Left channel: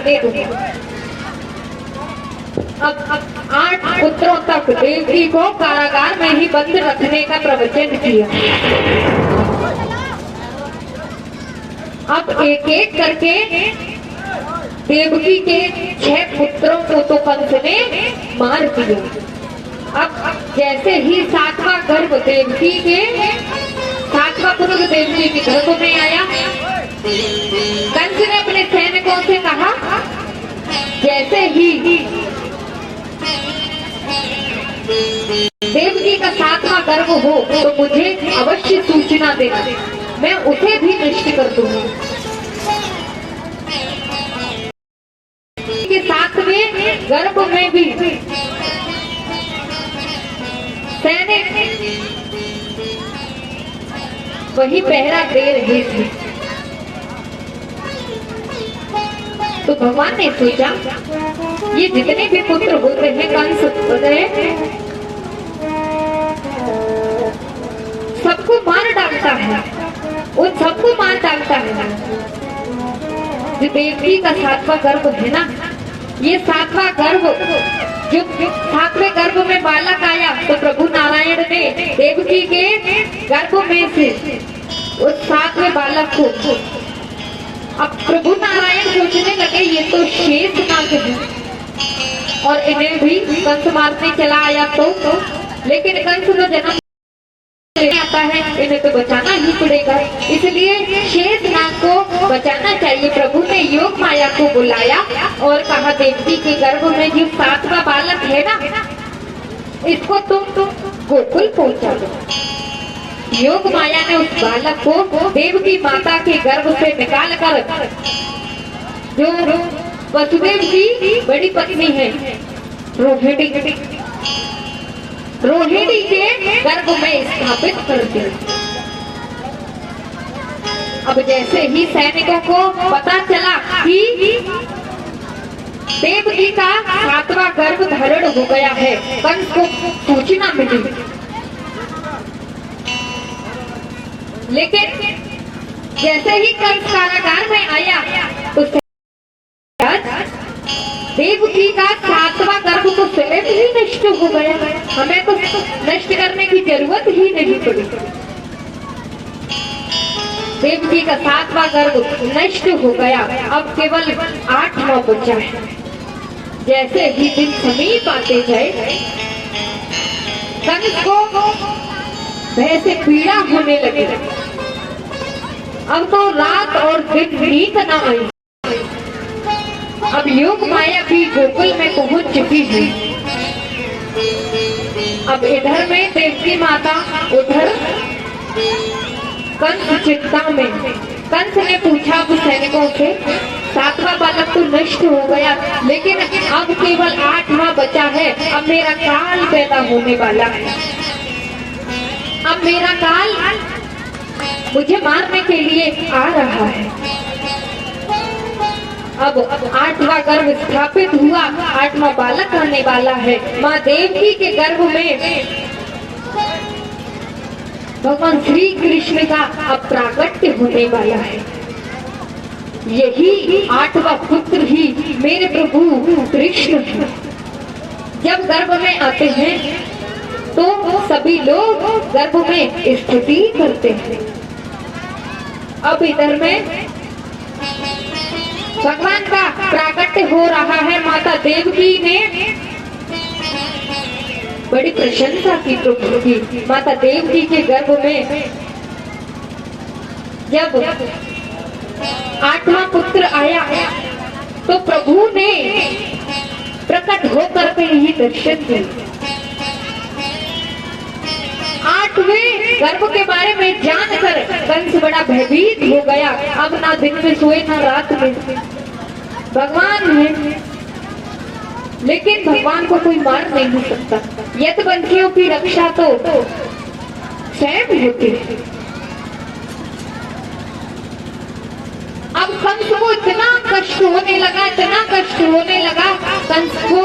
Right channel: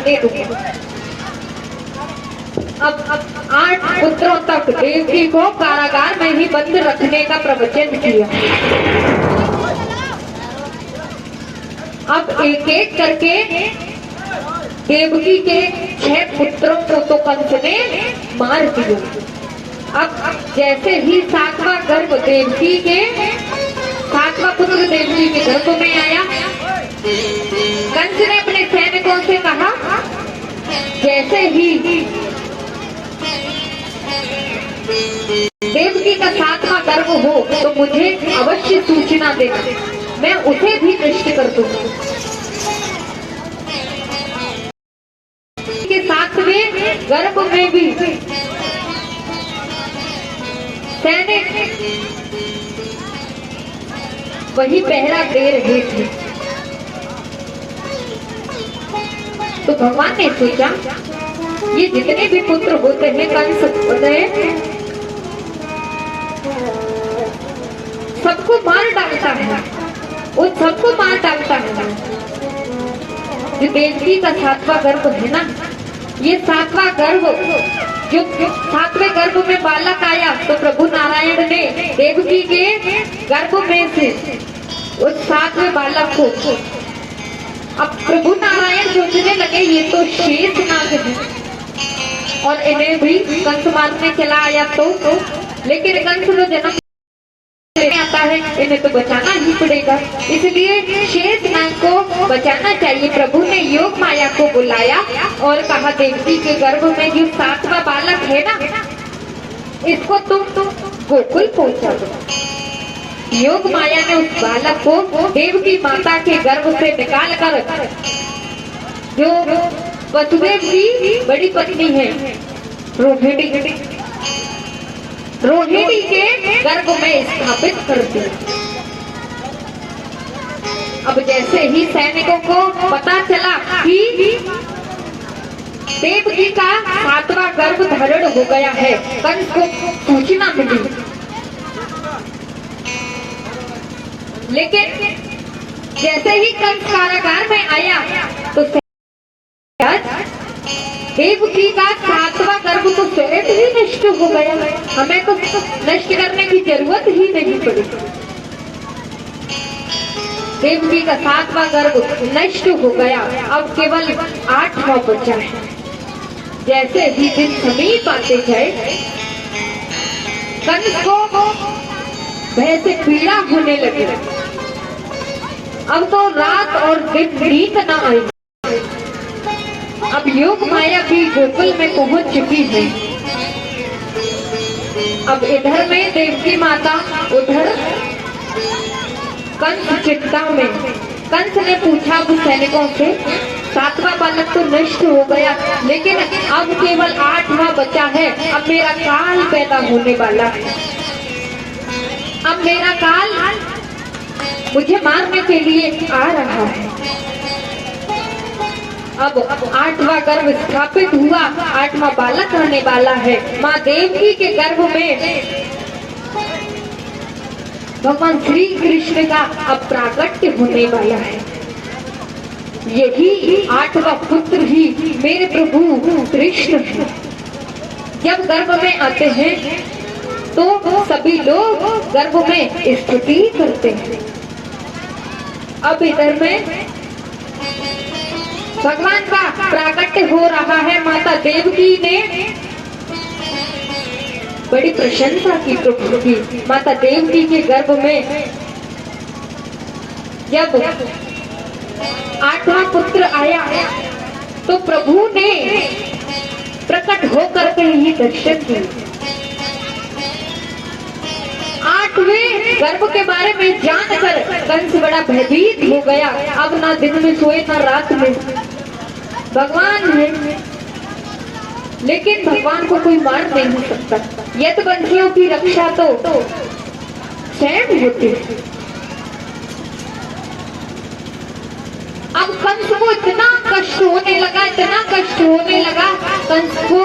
करने दूंगा। अब 8 पुत्रों तक देवकी को कारागार में ही बंद रखने का प्रवचन किया। अब एक एक करके देवकी के 6 पुत्रों को तो कंस ने मार दिया। अब जैसे ही 7वां गर्भ देवकी के 7वां पुत्र देवकी के गर्भ में आया, कंस ने अपने सैनिकों से कहा, जैसे ही देवकी का 7वां गर्भ हो तो मुझे अवश्य सूचना देना, मैं उसे भी नष्ट कर दूंगा। के 7वें गर्भ में भी सैनिक वही पहरा दे रहे थे। तो भगवान ने सोचा, ये जितने भी पुत्र होते हैं कंस होते सबको मार डालता है, उन सबको मार डालता है। जो देवकी का 7वां गर्भ है ना, ये 7वां गर्भ जो 7वें गर्भ में बालक आया तो प्रभु नारायण ने देवकी के गर्भ में से उस 7वें बालक को, अब प्रभु नारायण सोचने लगे ये तो शेषनाग है और इन्हें भी कंस मारने चला आया तो लेकिन कंस जो जन्म आता है इन्हें तो बचाना ही पड़ेगा, इसलिए शेषनाग को बचाना चाहिए। प्रभु ने योग माया को बुलाया और कहा, देवकी के गर्भ में जो 7वां बालक है ना, इसको तुम गोकुल पहुंचा दो। योग माया ने उस बालक को देवकी माता के गर्भ से निकाल कर, जो वसुदेव की बड़ी पत्नी है रोहिणी के गर्भ में स्थापित कर दिया। अब जैसे ही सैनिकों को पता चला कि देवकी का 7वां गर्भ धारण हो गया है, कंस को सूचना मिली, लेकिन जैसे ही कंस कारागार में आया तो देवकी का 7वां गर्भ को स्वयं ही नष्ट हो गया। हमें तो नष्ट करने की जरूरत ही नहीं पड़ी। देवकी का 7वां गर्भ नष्ट हो गया, अब केवल 8वां बचा है। जैसे ही दिन समीप आते जाए, कंस को भय से पीड़ा होने लगे। अब तो रात और दिन नींद न आई। अब योग माया भी गोकुल में पहुंच चुकी है। अब इधर में देवकी माता, उधर कंस चिंता में। कंस ने पूछा सैनिकों से, 7वां बालक तो नष्ट हो गया, लेकिन अब केवल 8वां बचा है। अब मेरा काल पैदा होने वाला है, अब मेरा काल मुझे मारने के लिए आ रहा है। अब 8वां गर्भ स्थापित हुआ, 8वां बालक होने वाला है। माँ देवकी के गर्भ में भगवान श्री कृष्ण का अब प्राकट्य होने वाला है। यही 8वां पुत्र ही मेरे प्रभु कृष्ण है। जब गर्भ में आते हैं तो सभी लोग गर्भ में स्तुति करते हैं। अब इधर में भगवान का प्राकट्य हो रहा है। माता देवकी ने बड़ी प्रशंसा की प्रभु की। माता देवकी के गर्भ में जब 8वां पुत्र आया तो प्रभु ने प्रकट होकर के ही दर्शन दिए। 8वें गर्भ के बारे में जानकर कंस बड़ा भयभीत हो गया। अब ना दिन में सोए ना रात में। भगवान है, लेकिन भगवान को कोई मार नहीं सकता। यतवंशियों की रक्षा तो स्वयं होती है। अब कंस को इतना कष्ट होने लगा, इतना कष्ट होने लगा कंस को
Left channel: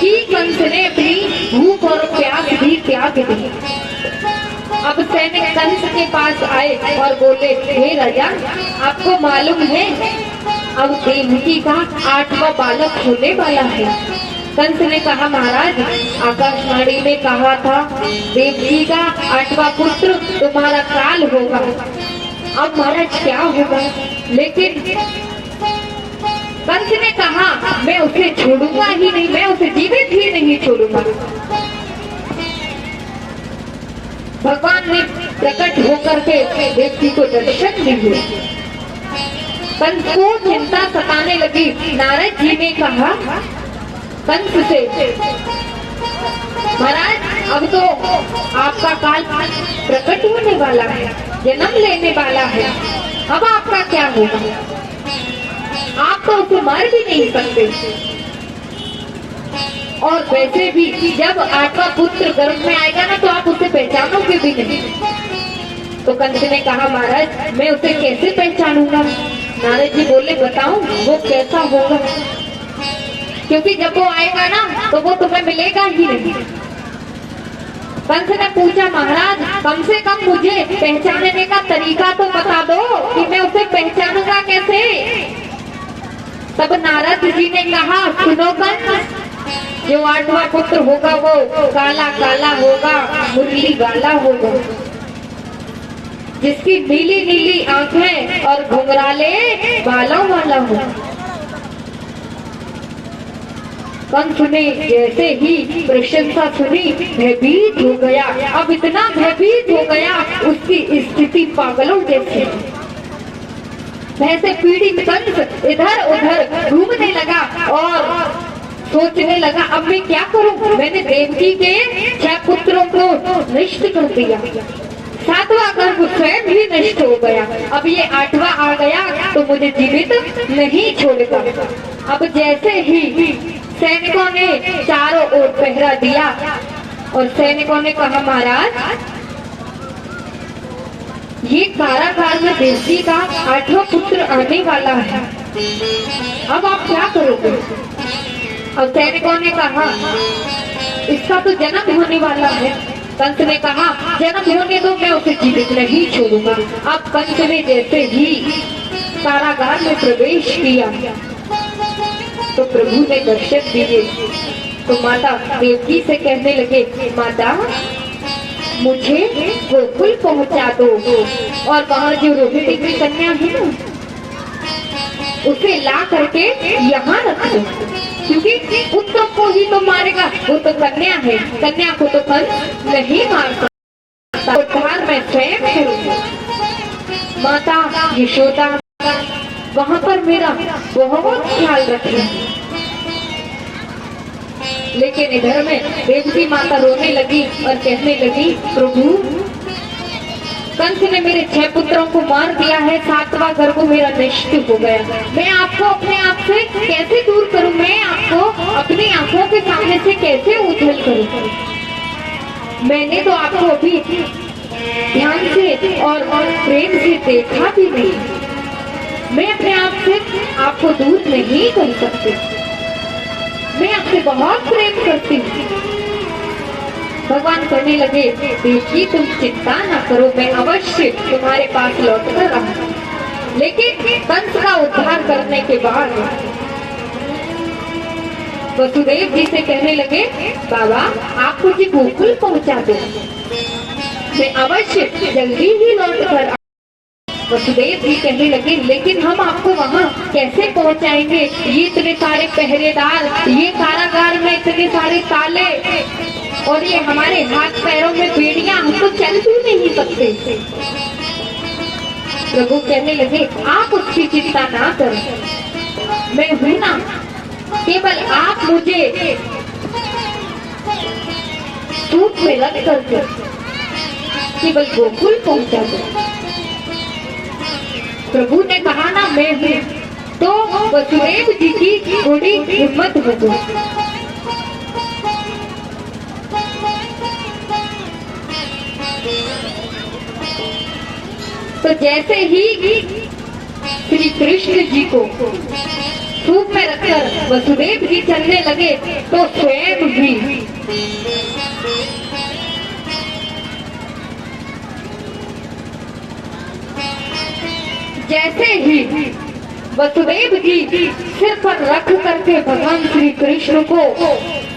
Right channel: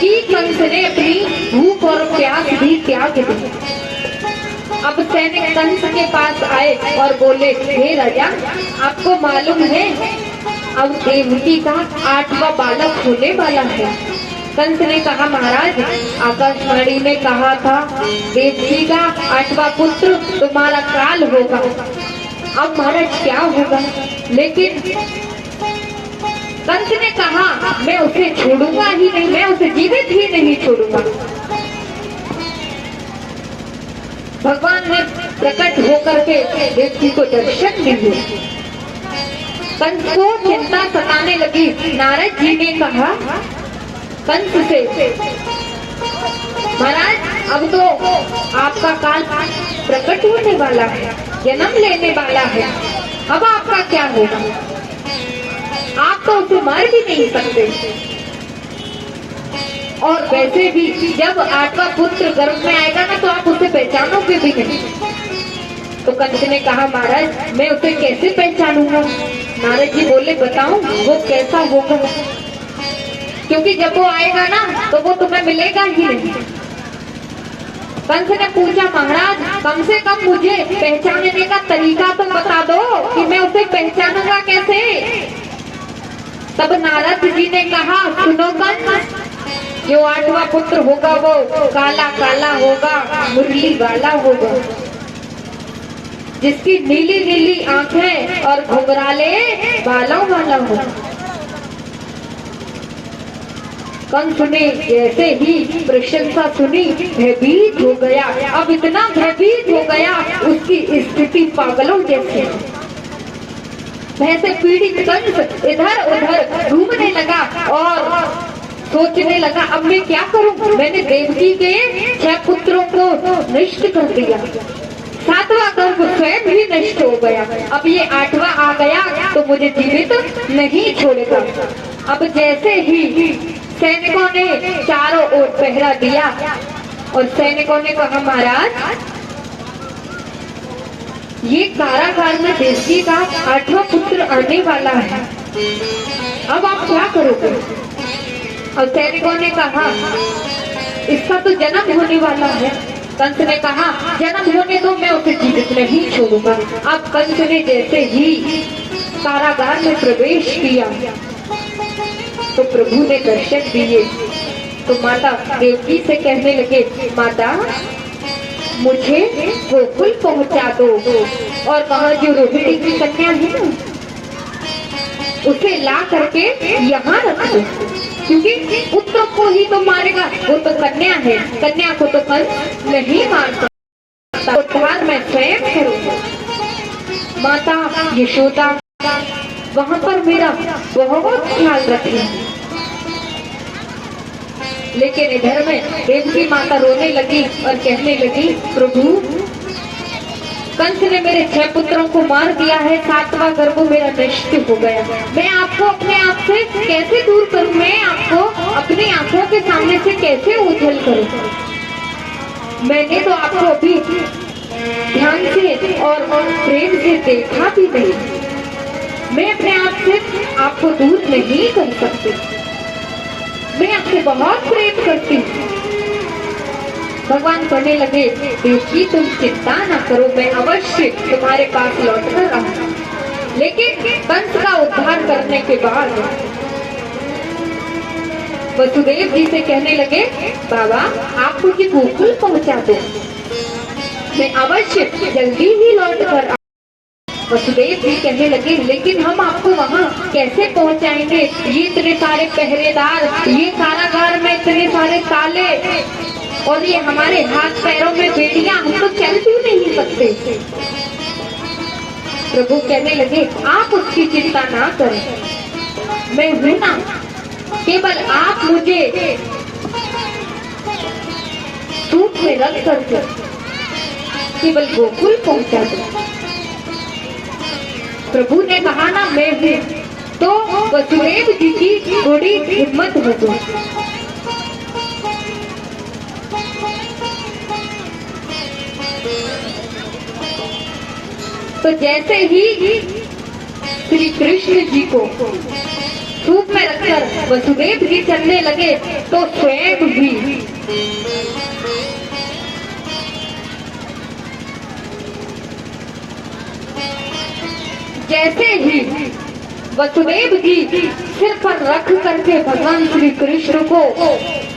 कि कंस ने अपनी भूख और प्यास भी त्याग दी। अब सैनिक कंस के पास आए और बोले, हे राजा, आपको मालूम है अब देवकी का 8वां बालक होने वाला है। कंस ने कहा महाराज आकाशवाणी में कहा था देवकी का 8वां पुत्र तुम्हारा काल होगा। अब महाराज क्या होगा? लेकिन कंस ने कहा मैं उसे छोड़ूंगा ही नहीं, मैं उसे जीवित ही नहीं छोड़ूंगा। भगवान ने प्रकट होकर के देवकी को दर्शन दिए। कंस को चिंता सताने लगी। नारद जी ने कहा कंस से महाराज अब तो आपका काल प्रकट होने वाला है, जन्म लेने वाला है, अब आपका क्या होगा? आप तो उसे मार भी नहीं सकते, और वैसे भी जब 8वां पुत्र गर्भ में आएगा ना तो आप उसे पहचानोगे भी नहीं। तो कंस ने कहा महाराज मैं उसे कैसे पहचानूंगा? नारद जी बोले बताऊं वो कैसा होगा, क्योंकि जब वो आएगा ना तो वो तुम्हें मिलेगा ही नहीं। कंस ने पूछा महाराज कम से कम मुझे पहचानने का तरीका तो बता दो कि मैं उसे पहचानूंगा कैसे। तब नारद जी ने कहा सुनो कंस, जो 8वां पुत्र होगा वो काला काला होगा, मुरली वाला होगा, जिसकी नीली नीली आंखें और घुंघराले बालों वाला होगा। कंस ने जैसे ही प्रशंसा सुनी भयभीत हो गया। अब इतना भयभीत हो गया उसकी स्थिति पागलों जैसी। भय से पीड़ित कंस इधर उधर घूमने लगा और सोचने लगा अब मैं क्या करूं? मैंने देवकी के 6 पुत्रों को नष्ट कर दिया, 7वां गर्भ स्वयं भी नष्ट हो गया, अब ये 8वां आ गया तो मुझे जीवित नहीं छोड़ेगा। अब जैसे ही सैनिकों ने चारों ओर पहरा दिया और सैनिकों ने कहा महाराज ये कारागार में देवकी का 8वां पुत्र आने वाला है, अब आप क्या करोगे? और सैनिकों ने कहा इसका तो जन्म होने वाला है। कंस ने कहा जन्म होने दो, मैं उसे जीवित नहीं छोड़ूंगा। अब कंस ने जैसे ही कारागार में प्रवेश किया तो प्रभु ने दर्शन दिए। तो माता देवकी से कहने लगे माता मुझे गोकुल पहुंचा दो, और वहाँ जो रोहिणी की कन्या है ना उसे ला करके यहाँ रख दो, क्योंकि पुत्र को ही तो मारेगा, वो तो कन्या है, कन्या को तो कंस नहीं मार सकता, उद्धार मैं स्वयं करूंगा। माता यशोदा वहाँ पर मेरा बहुत ख्याल रखेंगी। लेकिन इधर में देवकी माता रोने लगी और कहने लगी प्रभु कंस ने मेरे 6 पुत्रों को मार दिया है, 7वां गर्भ मेरा नष्ट हो गया, मैं आपको अपने आप से कैसे दूर करूं? मैं आपको अपनी आंखों के सामने से कैसे ओझल करूं? मैंने तो आपको अभी ध्यान से और प्रेम से देखा भी नहीं, मैं अपने आप से आपको दूर नहीं कर सकती, मैं आपसे बहुत प्रेम करती हूँ। भगवान कहने लगे देवकी तुम चिंता ना करो, मैं अवश्य तुम्हारे पास लौट कर आऊंगा। लेकिन कंस का उद्धार करने के बाद वसुदेव जी से कहने लगे बाबा आप मुझे गोकुल पहुंचा दो, मैं अवश्य जल्दी ही लौट कर। वसुदेव जी कहने लगे लेकिन हम आपको वहाँ कैसे पहुँचाएंगे? ये इतने सारे पहरेदार, ये कारागार में इतने सारे ताले और ये हमारे हाथ पैरों में बेड़ियां, हम तो चल भी नहीं सकते। प्रभु कहने लगे आप उसकी चिंता ना करें, मैं हूं ना, केवल आप मुझे सूट में रख करके केवल गोकुल पहुंचा दो। प्रभु ने कहा ना मैं हूँ, तो वसुदेव जी की थोड़ी हिम्मत हो गई। तो जैसे ही श्री कृष्ण जी को सूप में रखकर वसुदेव जी चलने लगे तो स्वयं भी जैसे ही वसुदेव जी सिर पर रख करके भगवान श्री कृष्ण को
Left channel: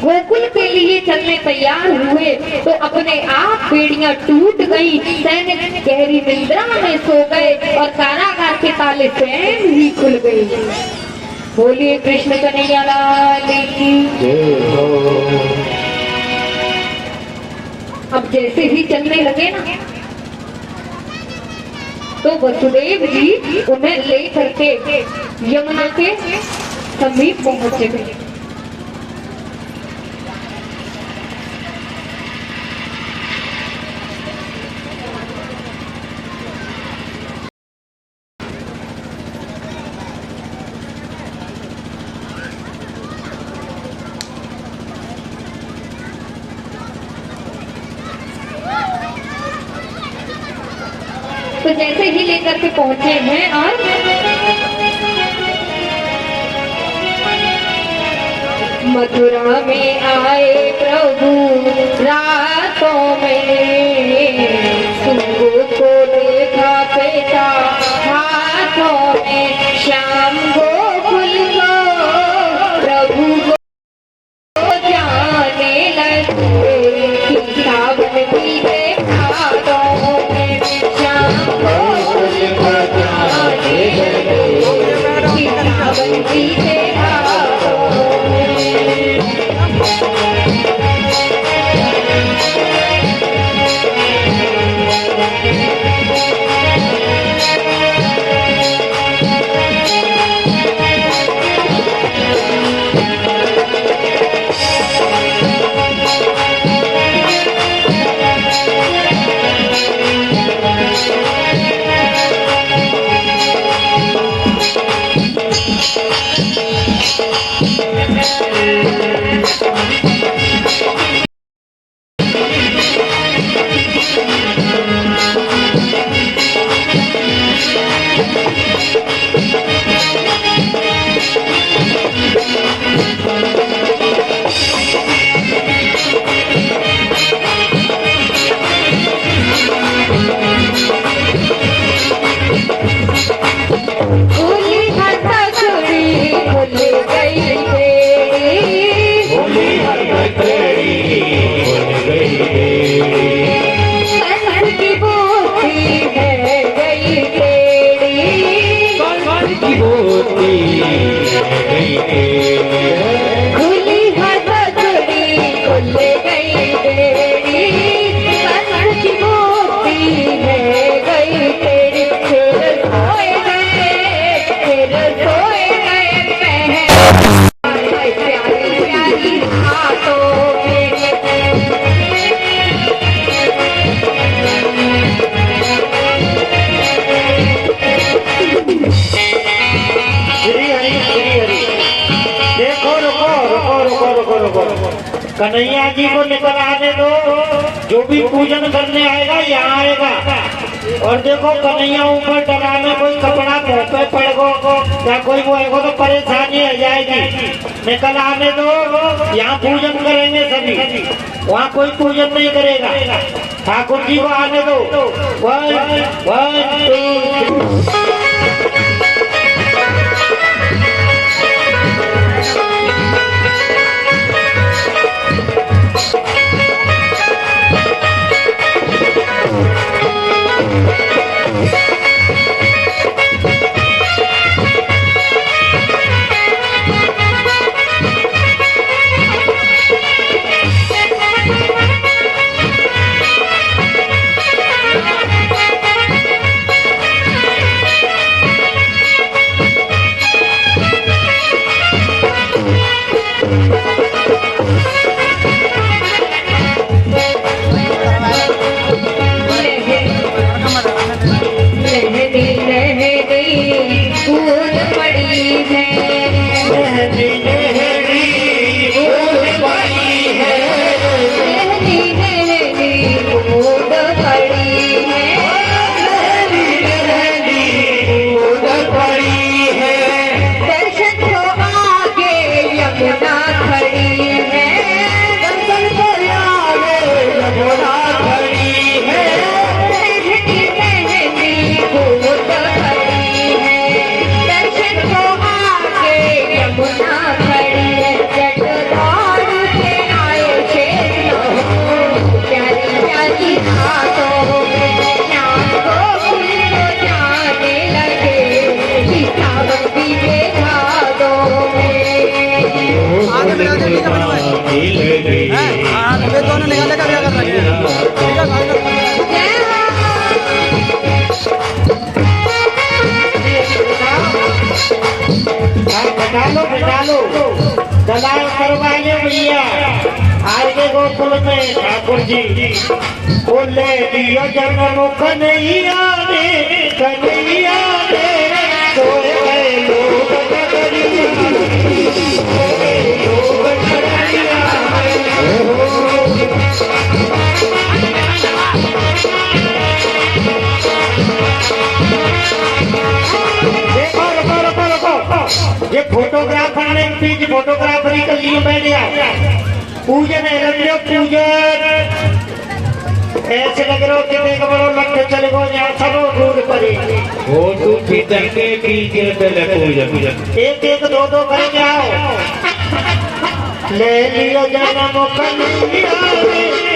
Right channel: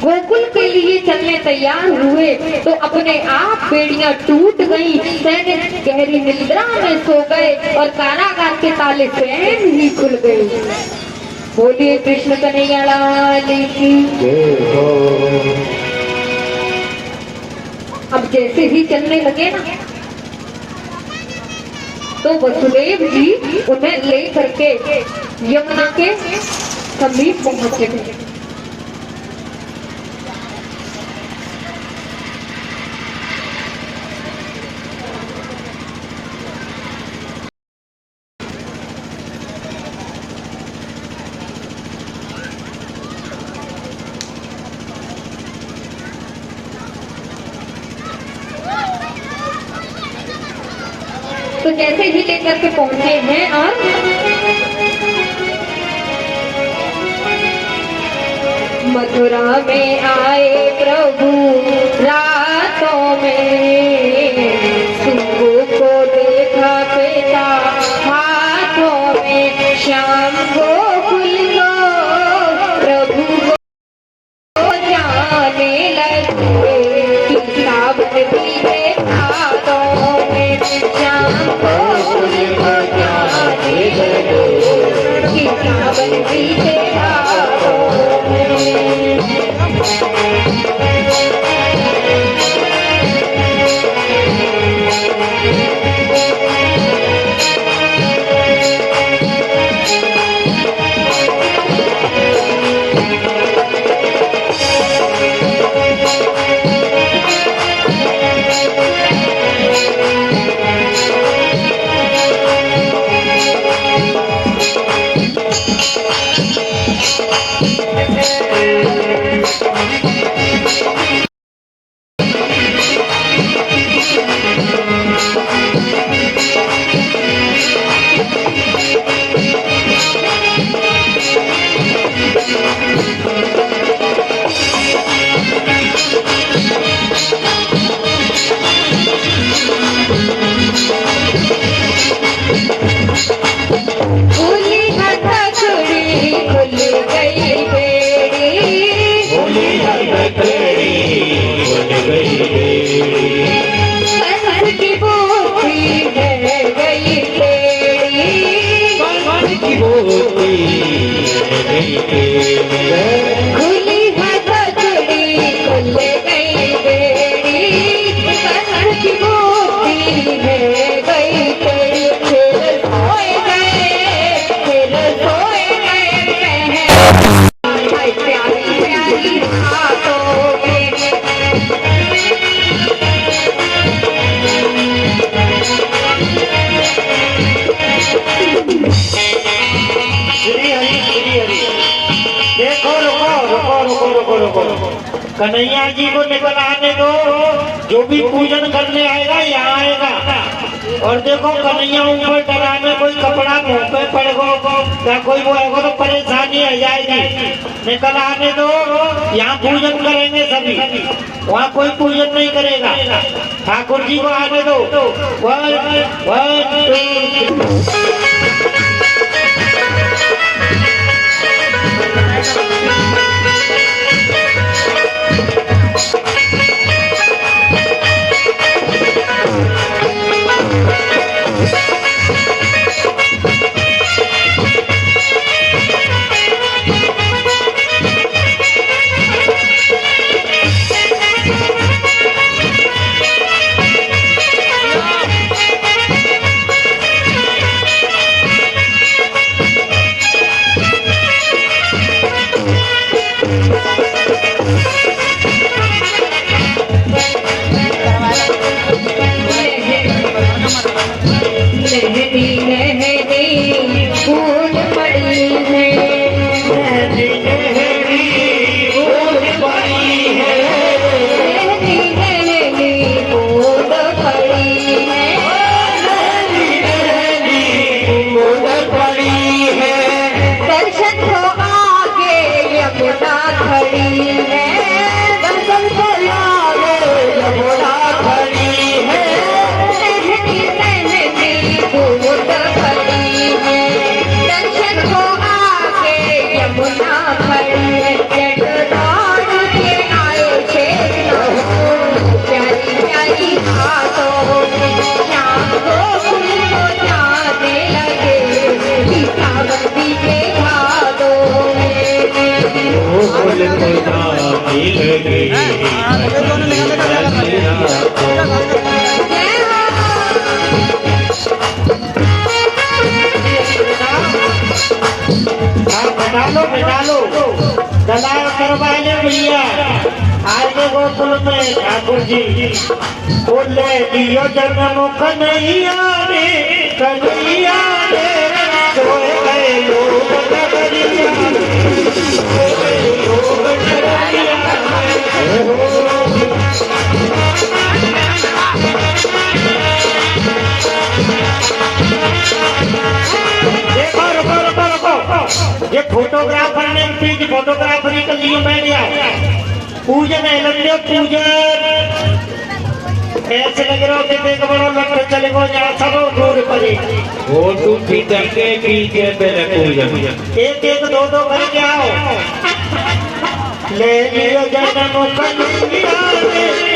गोकुल के लिए चलने तैयार हुए तो अपने आप बेड़ियां टूट गई। सैनिक गहरी निद्रा में सो गए और कारागार के ताले स्वयं ही खुल गए। बोलिए कृष्ण कन्हैया लाल की। अब जैसे ही चलने लगे ना तो वसुदेव जी उन्हें ले करके यमुना के समीप पहुंच गए। तो जैसे ही लेकर के पहुंचे हैं और मथुरा में आए प्रभु रातों में, सुबह को देखा कैसा हाथों में, श्याम गोकुल को प्रभु को जाने लगे, सावन बीते हाथों में, श्याम गोकुल को जाने लगे, सावन बीते हाथों में। कन्हैया जी को निकल आने दो, जो भी पूजन करने आएगा यहाँ आएगा। और देखो कन्हैया ऊपर चढ़ाने कोई कपड़ा मुंह पे पड़ेगा या कोई वो आएगा तो परेशानी आ जाएगी। निकल आने दो, यहाँ पूजन करेंगे सभी, वहाँ कोई पूजन नहीं करेगा। ठाकुर जी को आने दो। दर्शन फूल खुदा मिल गई बैठा लो दलाल करवाएंगे भैया आएंगे गोकुल में ठाकुर जी बोले दियो जन्म कन्हैया रे कन्हैया रे सोए गए लोग कन्हैया ये फोटोग्राफर ने प्लीज फोटोग्राफरी कर लिए बैठ गया पूजन है लगे पूजन ऐसे लग रहा हो कि देख बड़ो लट्ठे चले गो यहाँ सब रोड पर वो तू पितर के पी के पहले पूजन एक एक दो दो करके आओ ले लियो जन्म कन्हैया